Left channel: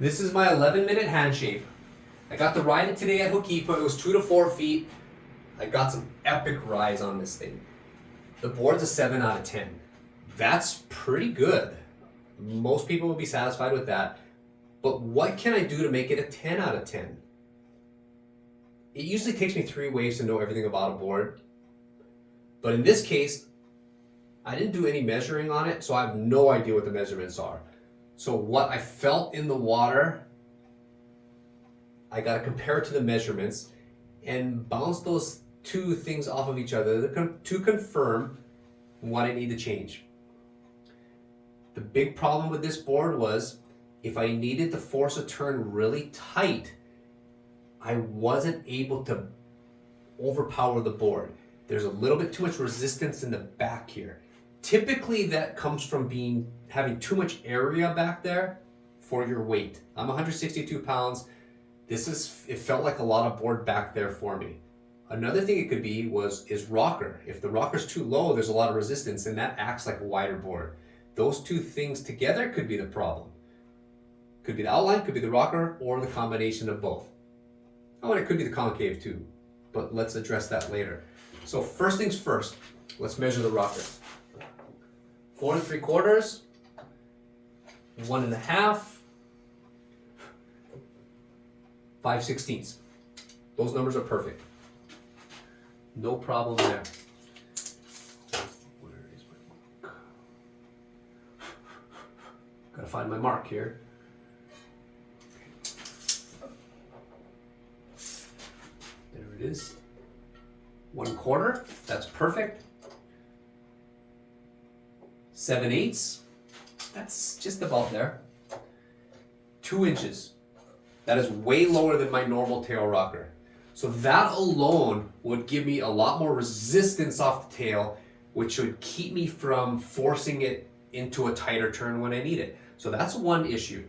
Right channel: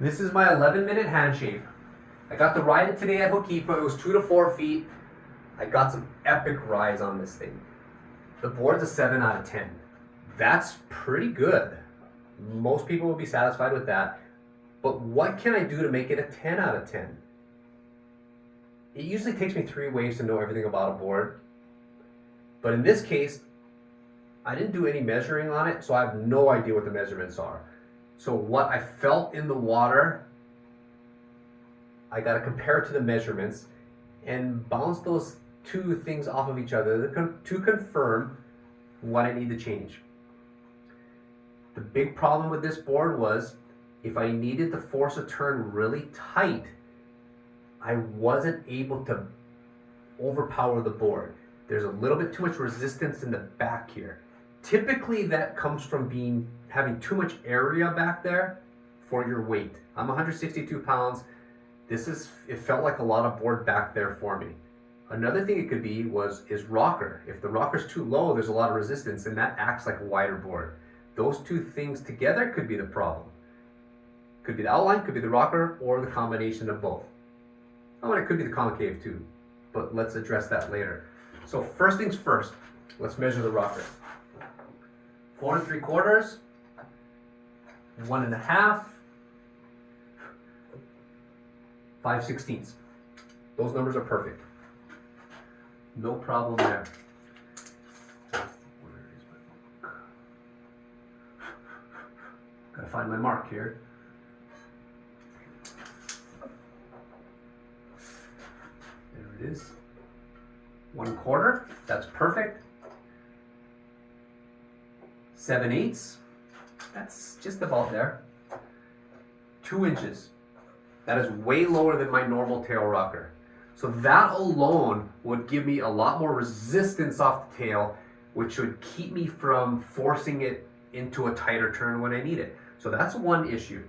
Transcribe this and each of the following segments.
This is my 11-minute hand shape. I got to ride it today at Hokipa. It was 2 to 4 feet. I got some epic rides on this thing. The board's a 7 out of 10. That's pretty good. Most people will be satisfied with that. But what can I do to make it a 10 out of 10? It usually takes me 3 waves to know everything about a board. But in this case, I didn't do any measuring on it, so I have no idea what the measurements are. So what I felt in the water, I got to compare it to the measurements and bounce those two things off of each other to confirm what I need to change. The big problem with this board was if I needed to force a turn really tight, I wasn't able to overpower the board. There's a little bit too much resistance in the back here. Typically that comes from having too much area back there for your weight. I'm 162 pounds. It felt like a lot of board back there for me. Another thing it could be is rocker. If the rocker's too low, there's a lot of resistance and that acts like a wider board. Those two things together could be the problem. Could be the outline, could be the rocker, or the combination of both. Oh, and it could be the concave too, but let's address that later. So first things first, let's measure the rocker. 4 3/4, 1 1/2, 5/16. Those numbers are perfect. No problem there. Where is my mark? Gotta find my mark here. There it is. 1/4, that's perfect. 7/8, that's just about there. 2 inches, that is way lower than my normal tail rocker. So that alone would give me a lot more resistance off the tail, which would keep me from forcing it into a tighter turn when I need it. So that's one issue.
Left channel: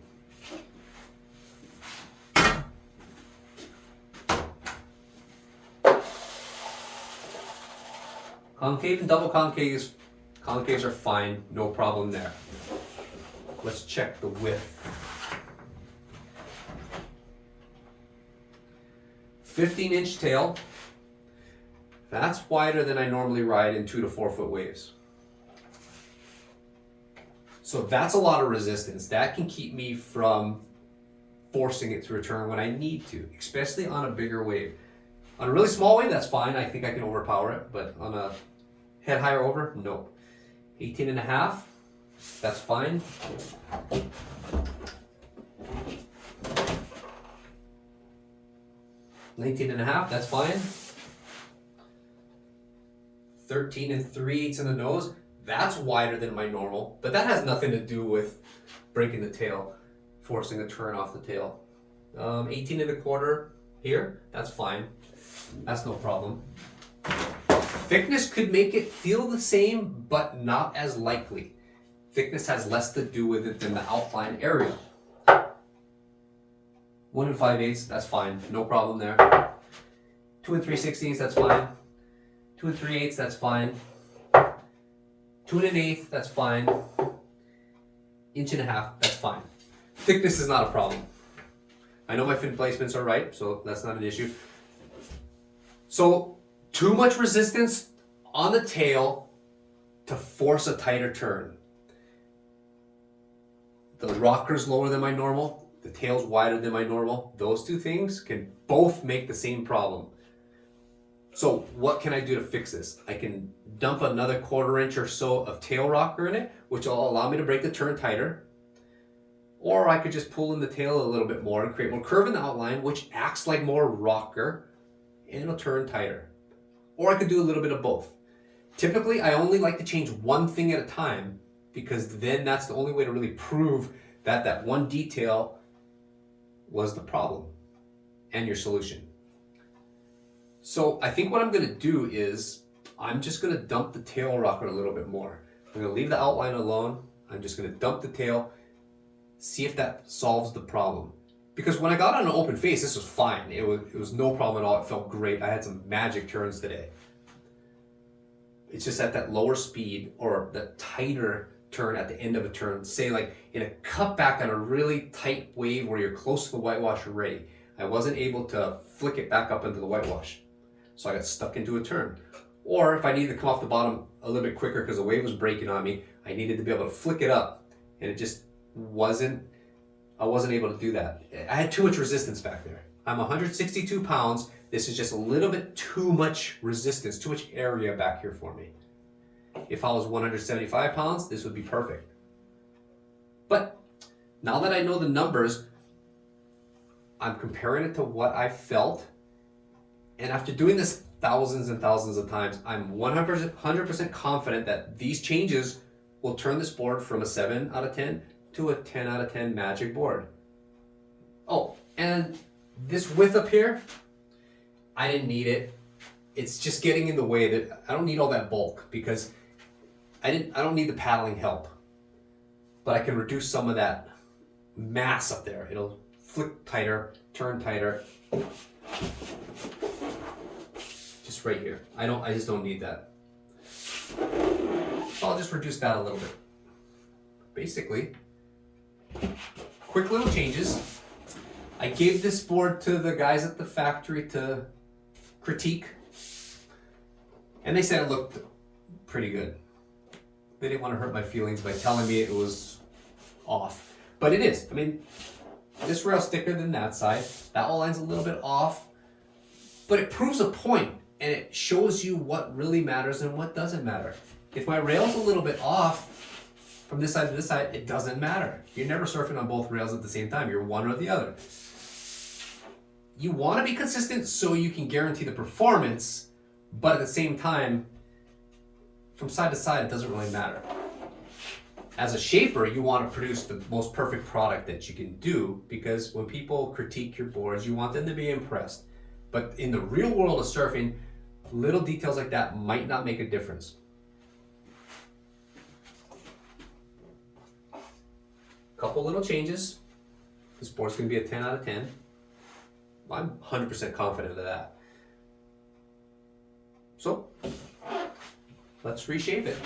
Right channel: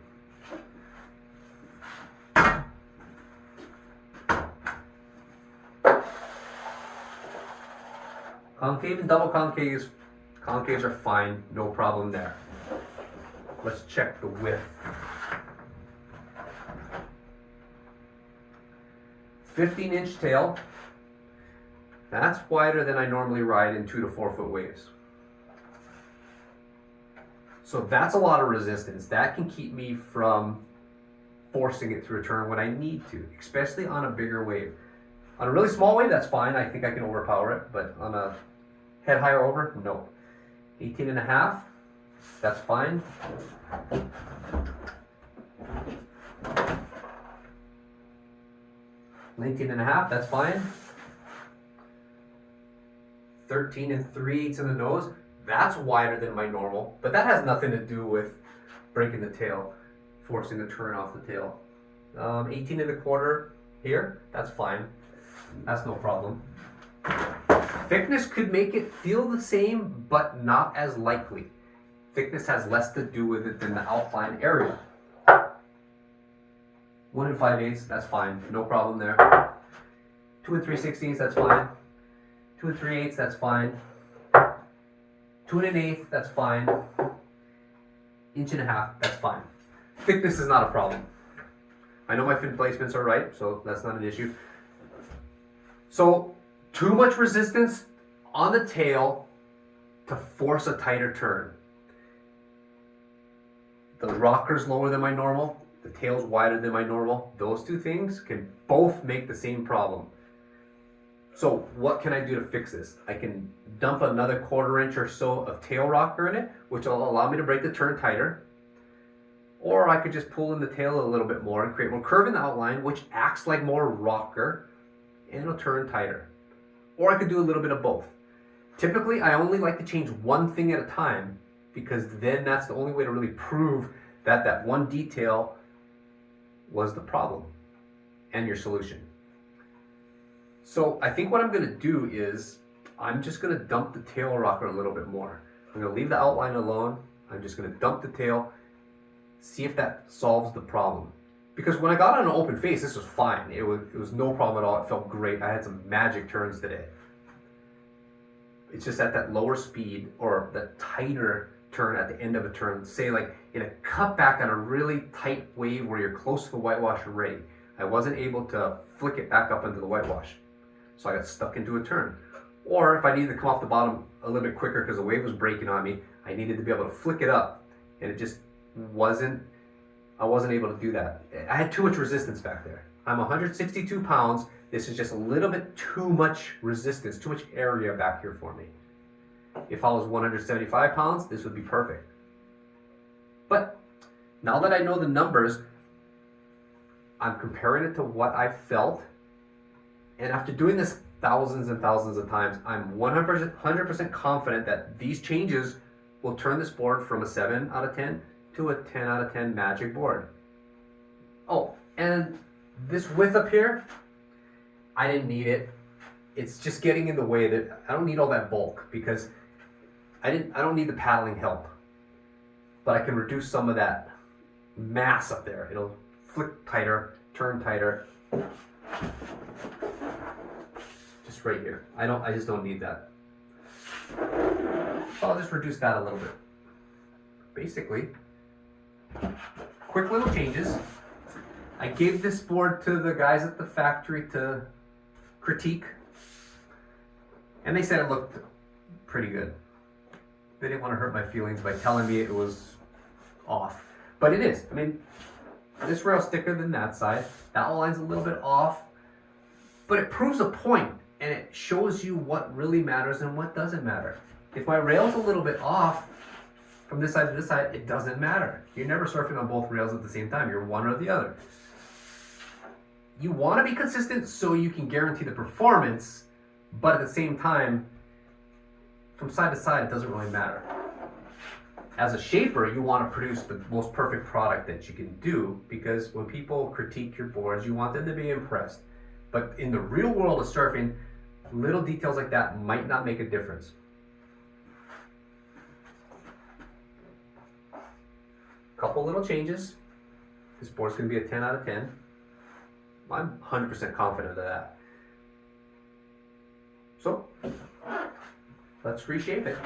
Concave and double concaves are fine, no problem there. Let's check the width. 15-inch tail. That's wider than I normally ride in 2 to 4 foot waves. So that's a lot of resistance. That can keep me from forcing it to return when I need to, especially on a bigger wave. On a really small wave, that's fine. I think I can overpower it, but on a head higher over, no. 18.5, that's fine. 19.5, that's fine. 13 3/8 in the nose, that's wider than my normal, but that has nothing to do with breaking the tail, forcing the turn off the tail. 18 1/4 here, that's fine. That's no problem. Thickness could make it feel the same, but not as likely. Thickness has less to do with it than the outline area. 1 5/8, that's fine, no problem there. 2 3/16, that's fine. 2 3/8, that's fine. 2 1/8, that's fine. 1.5 inches, that's fine. Thickness is not a problem. I know my fin placements are right, so that's not an issue. So, too much resistance on the tail to force a tighter turn. The rocker's lower than my normal, the tail's wider than my normal. Those two things can both make the same problem. So what can I do to fix this? I can dump another 1/4 inch or so of tail rocker in it, which will allow me to break the turn tighter. Or I could just pull in the tail a little bit more and create more curve in the outline, which acts like more rocker and it'll turn tighter. Or I could do a little bit of both. Typically, I only like to change one thing at a time because then that's the only way to really prove that that one detail was the problem and your solution. So I think what I'm gonna do is I'm just gonna dump the tail rocker a little bit more. I'm gonna leave the outline alone. I'm just gonna dump the tail, see if that solves the problem. Because when I got on an open face, this was fine. It was no problem at all. It felt great. I had some magic turns today. It's just at that lower speed or that tighter turn at the end of a turn, say like in a cutback on a really tight wave where you're close to the whitewash already. I wasn't able to flick it back up into the whitewash. So I got stuck into a turn. Or if I needed to come off the bottom a little bit quicker because the wave was breaking on me, I needed to be able to flick it up, and it just I wasn't able to do that. I had too much resistance back there. I'm 162 pounds. This is just a little bit too much resistance, too much area back here for me. If I was 175 pounds, this would be perfect. But now that I know the numbers, I'm comparing it to what I felt. And after doing this thousands and thousands of times, I'm 100% confident that these changes will turn this board from a 7 out of 10 to a 10 out of 10 magic board. Oh, and this width up here, I didn't need it. It's just getting in the way. That I don't need all that bulk because I don't need the paddling help. But I can reduce some of that mass up there. It'll flick tighter, turn tighter. Just right here. I just don't need that. So I'll just reduce that a little bit. Basically, quick little changes. I gave this board to the guys at the factory to critique, and they said it looked pretty good. They didn't want to hurt my feelings by telling me it was off, but it is. I mean, this rail's thicker than that side. That line's a little bit off, but it proves a point, and it shows you what really matters and what doesn't matter. If my rail's a little bit off from this side to this side, it doesn't matter. You're never surfing on both rails at the same time. You're one or the other. You want to be consistent so you can guarantee the performance, but at the same time, from side to side, it doesn't really matter. As a shaper, you want to produce the most perfect product that you can do, because when people critique your boards, you want them to be impressed. But in the real world of surfing, little details like that might not make a difference. Couple little changes. This board's going to be a 10 out of 10. I'm 100% confident of that. So, let's reshape it.